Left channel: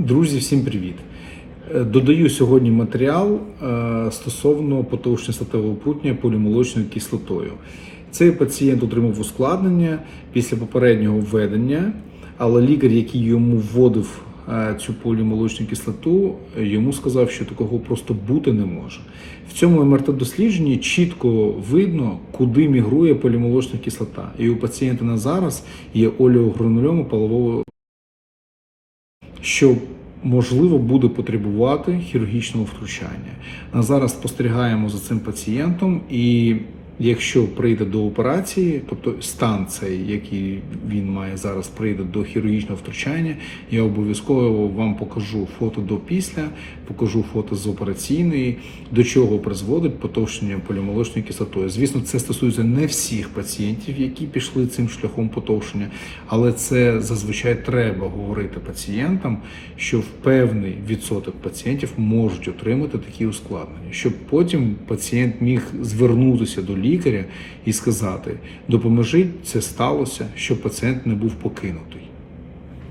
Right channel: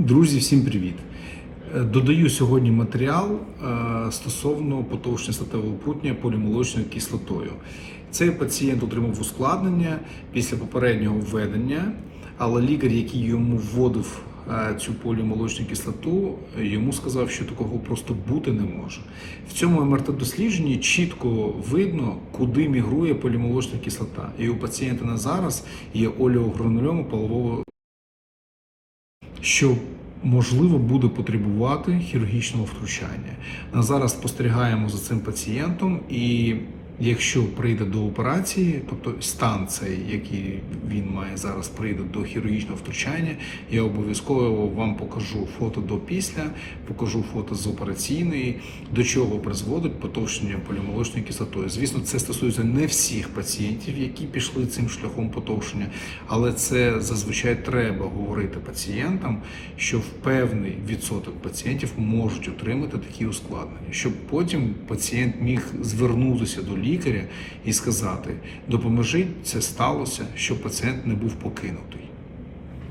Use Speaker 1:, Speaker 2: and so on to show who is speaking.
Speaker 1: Друзі, всім привіт! Е, Додаю сьогодні матеріал е, стосовно потовщення статевого прутня полімолочною кислотою. Цей пацієнт отримав ускладнення після попереднього введення, але лікар, який йому вводив е, цю полімолочну кислоту, йому сказав, що такого просто бути не може. В цьому МРТ-дослідженні чітко видно, куди мігрує полімолочна кислота. І у пацієнта на зараз є олеогранульома полового що можливо буде потребувати хірургічного втручання. На зараз спостерігаємо за цим пацієнтом, і якщо прийде до операції, тобто стан цей, який він має зараз, прийде до хірургічного втручання, я обов'язково вам покажу фото до після, покажу фото з операційної, до чого призводить потовщення полімолочною кислотою. Звісно, це стосується не всіх пацієнтів, які пішли цим шляхом потовщення, але це зазвичай треба говорити пацієнтам, що в певний відсоток пацієнтів можуть отримати такі ускладнення, щоб потім пацієнт міг звернутися до лікаря і сказати: допоможіть, це сталося, щоб пацієнт не був покинутий.